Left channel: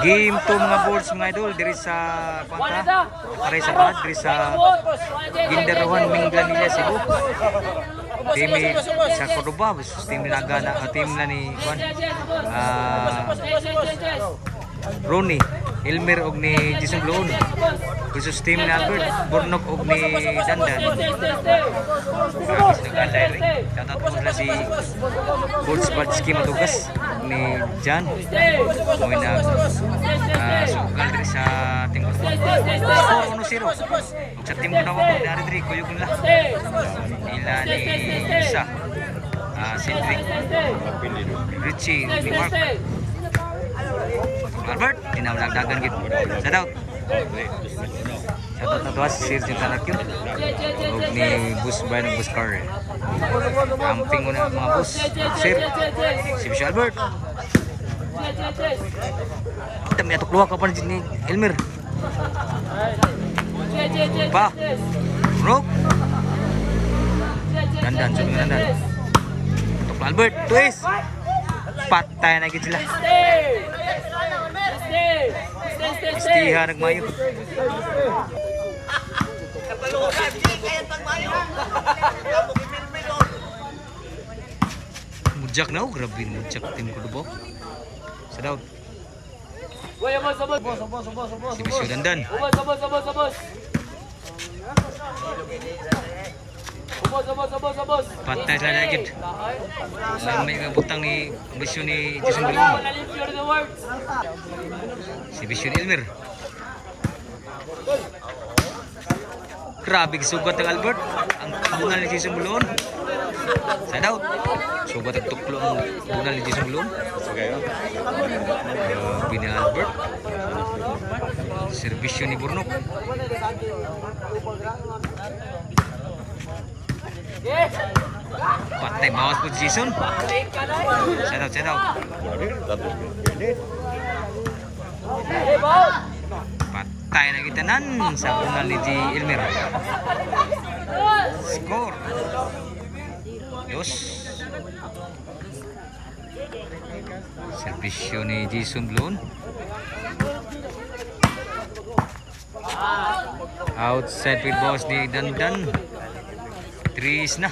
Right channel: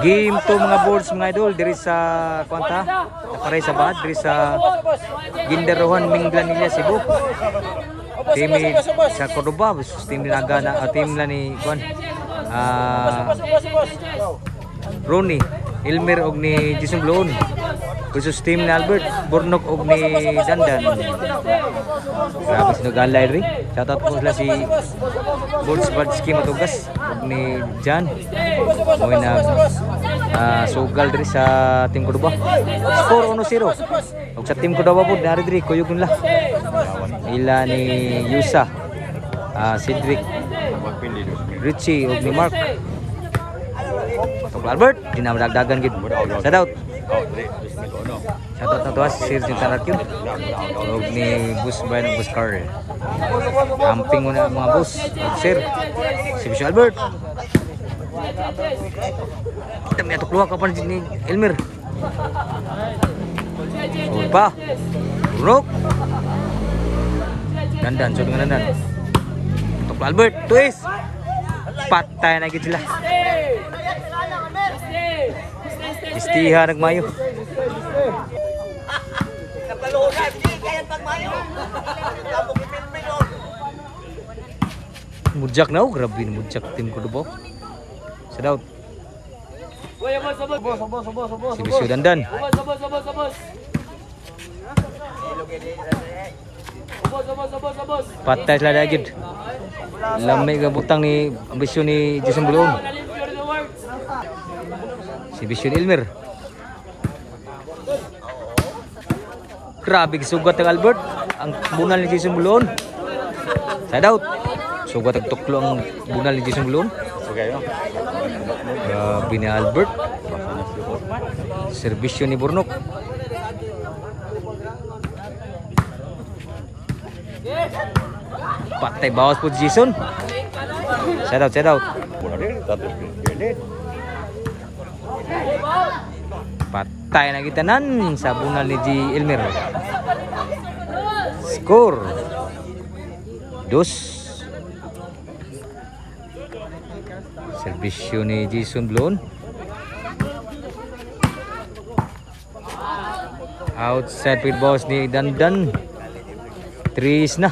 Game to mga boards mga idol diri sa kwanta. Napare sa bahad diri sa Gindaruhan Minglanilla Cebu. Team sa Cordoba versus team ni Nagana, team na ni Juan. Ronnie, Elmer og ni Jason Bloon versus team ni Albert Bornok og ni Dandan. Grabe sinugalay rin. Shoutout po sila si Boards Badski Matugas og ni Jan. Mo'y nag sugal diri sa team Cordoba. Score 1-0. Og sa team Cordoba po nari diri kuyog nila. Ila ni Yusa, Cedric, Richie og ni Mark. Tok Albert dinamdagdagan gid. Shoutout. Shoutout na to si Sir Tarakyon og ni Bus Bayan og Bus Car. Camping muna mga boss. Sir si Bishop Albert. Dami atok luha ka pa ni Elmer. Pa. Rock. Dandan, so dengan Dandan. Untuk Albert, twist. Patay na gid sila. Istiha nagmayo. Mujak na, grabe ni mujak tim Cordoba. Sedot. Si Bisyo Dandan. Patay sila dagid. Lamay ka butang ni Bisyo ni Jason Bloon. Si Bisyo ni Elmer. Grabe sugat ng Albert. Ang bunal ni Jason Bloon. Side out. Sugat ang tuklo ang bunal ni Jason Bloon. Grabe ni Albert. Serbisyo ni Bornok. Patay bawas po Jason. Side out, side out. Patay na kita nan sa bunal ni G. Elmer. Score 2. Serbisyo ni Jason Bloon. Outside field boss ni Dandan. 3 na.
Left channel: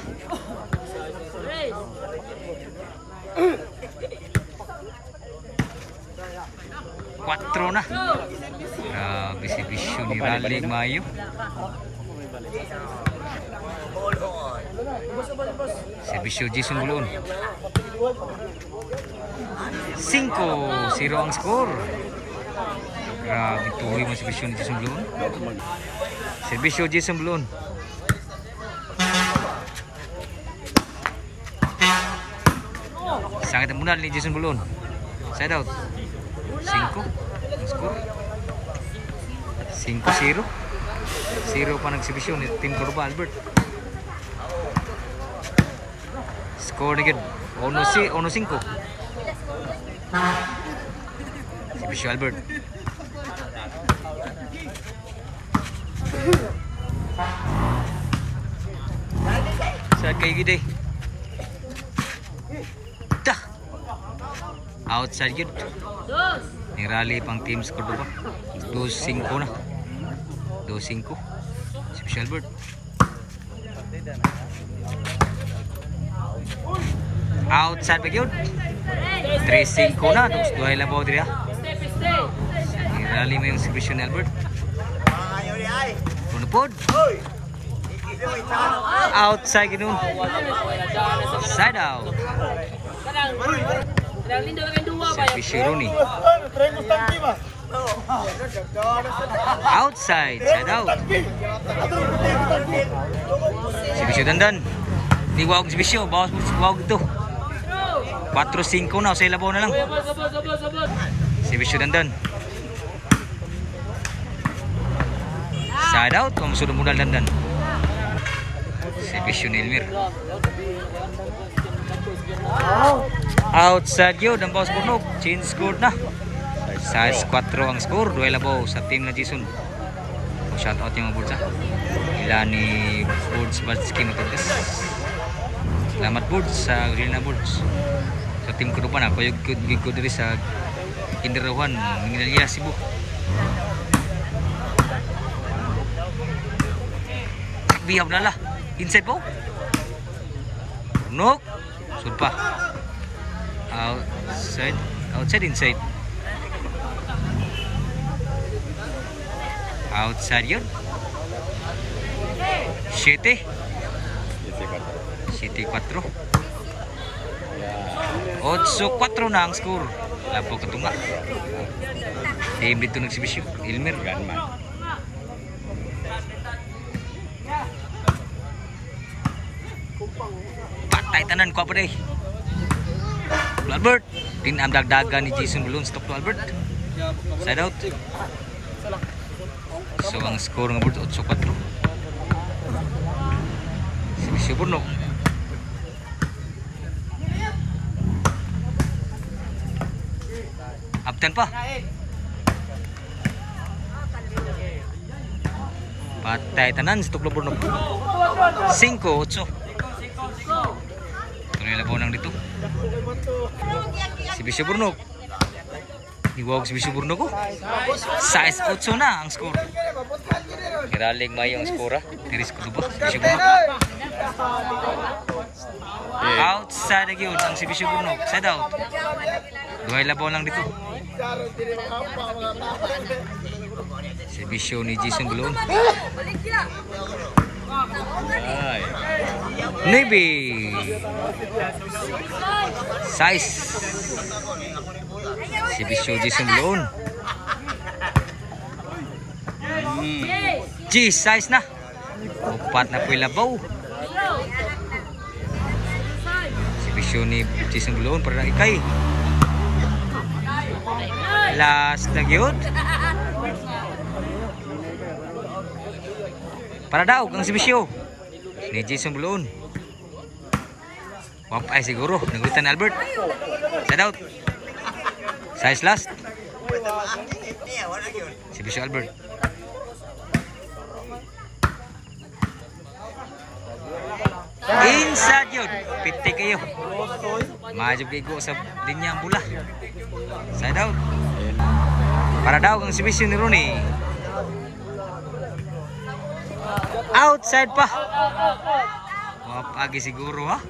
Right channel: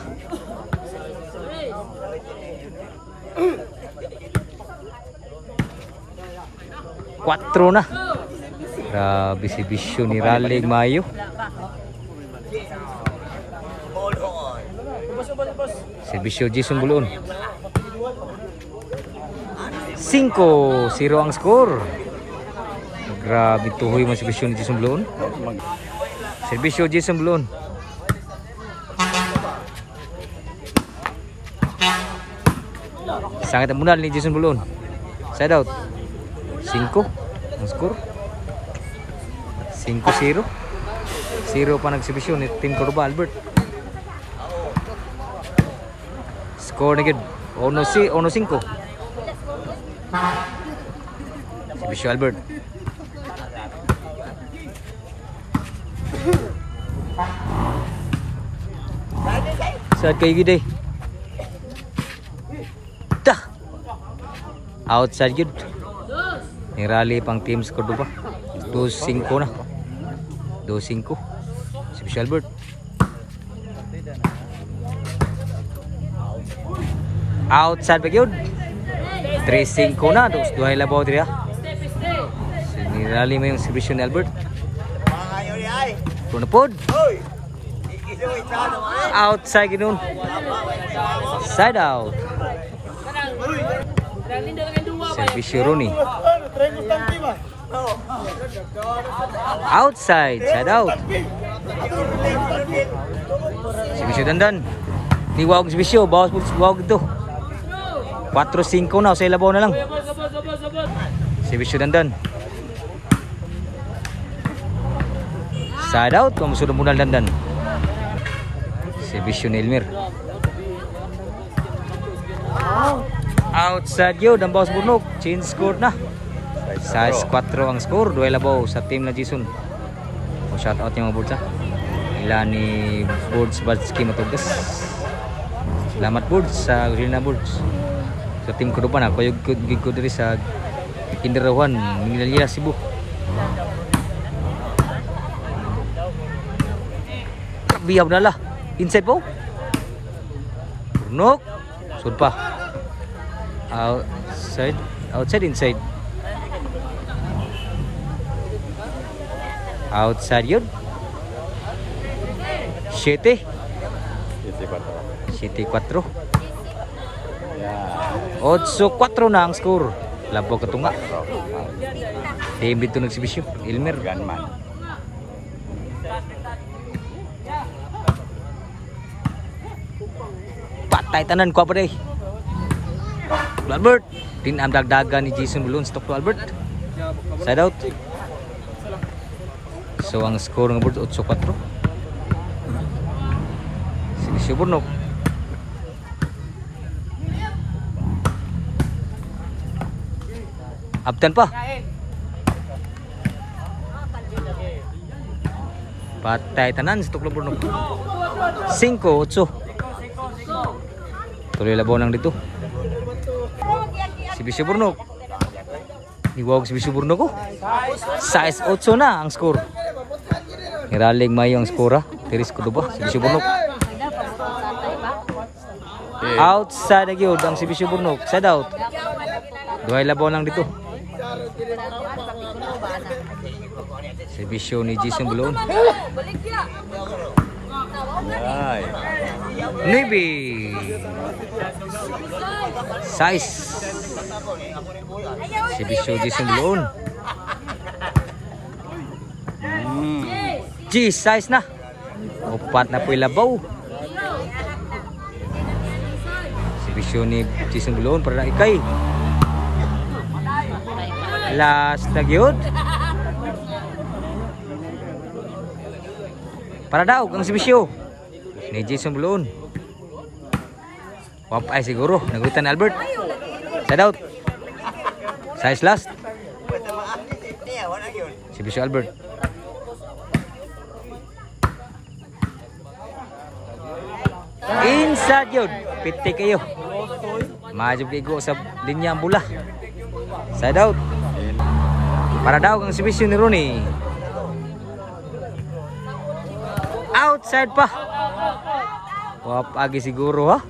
Quatro na. Grabe si Bisyo ni Ralig Mayo. Si Bisyo Jason Bloon. 5-0 ang score. Grabe tuhoy mo si Bisyo ni Jason Bloon. Si Bisyo Jason Bloon. Sangat munal ni Jason Bloon. Side out. 5 ang score. 5-0. 0 pa nagsibisyon ni Team Cordoba Albert. Score na gid 1-5. Si Bisyo Albert. Sa kay gid outside gid. Ni rally pang teams Cordoba. 2-5 na. 2-5. Si Bisyo Albert. Outside pa gyud. 3-5 na. Duhay labaw diri ha. Ni rally mo yung si Bisyo ni Albert. Punapod. Outside gid nun. Side out. Servisyo Ronnie. Outside, side out. Servisyo Dandan. Niwag servisyo, bawas po wag ito. 4-5 na, sa ilabaw na lang. Servisyo Dandan. Side out, mamusod ang bunal Dandan. Servisyo ni Elmer. Outside yun, ang bawas Bornok. Change score na. Size 4 ang score. Duel labaw sa team na Jason. Shout out yung mga boards ha. Ila ni Boards Badski Matugas. Salamat boards sa Green na boards. Sa team Cordoba na. Kuyog ko diri sa Kinderawan Minalya Cebu. Biyab na lah. Inside po. Burnok. Sud pa. Outside, inside. Outside yun. 7-4. 8-4 na ang score. Labo katunga. Team dito nagsibisyo. Elmer. Patay tanan ko pa day. Albert. Tinam dagdagan ni Jason Bulon. Stop to Albert. Side out. So ang score ng board 8-4. Sibisyo Burnok. Abtan pa. Patay tanan sa tuklo Burnok. 5-8. Tuloy labaw nang dito. Sibisyo Burnok. Iwag Sibisyo Burnok ko. 6-8 na ang score. Iralig mayo ang score. Tiris ko ba? Sibisyo Burnok. Outside na gyud ang Sibisyo Burnok. Side out. Duhay labaw lang dito. Sibisyo ni Jason Bulon. Navy. Size. Sibisyo Jason Bulon. G size na. Upat na po ilabaw. Sibisyo ni Jason Bulon para ikay. Last na gyud. Para daw ang Sibisyo ni Jason Bulon. Wapay siguro. Nagulitan ni Albert. Side out. Size last. Sibisyo Albert. Inside yun. Pitik kayo. Majog kayo sa linya ang bula. Side out. Para daw ang Sibisyo ni Rooney. Outside pa. Wapagi siguro ha.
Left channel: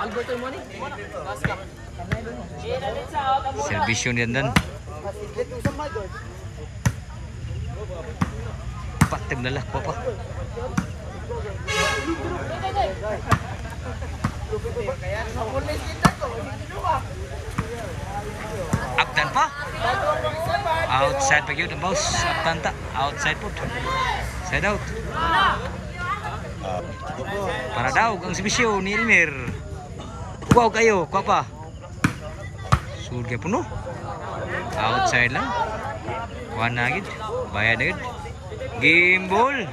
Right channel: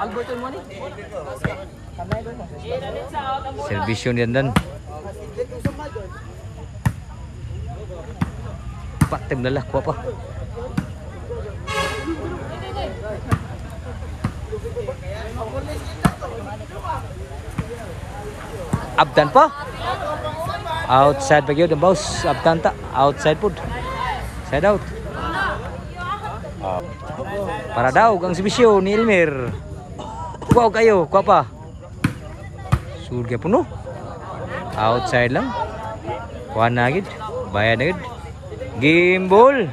Albert mo ni. Serbisyo niyan dan. Patem na lah ko pa. Abdan pa. Outside pa gyud ang boss. Abdan ta. Outside pud. Side out. Para daw ang Sibisyo ni Elmer. Kuha kayo, kuha pa. Surga puno. Outside lang. Kuha na gid. Bayan na gid. Game ball.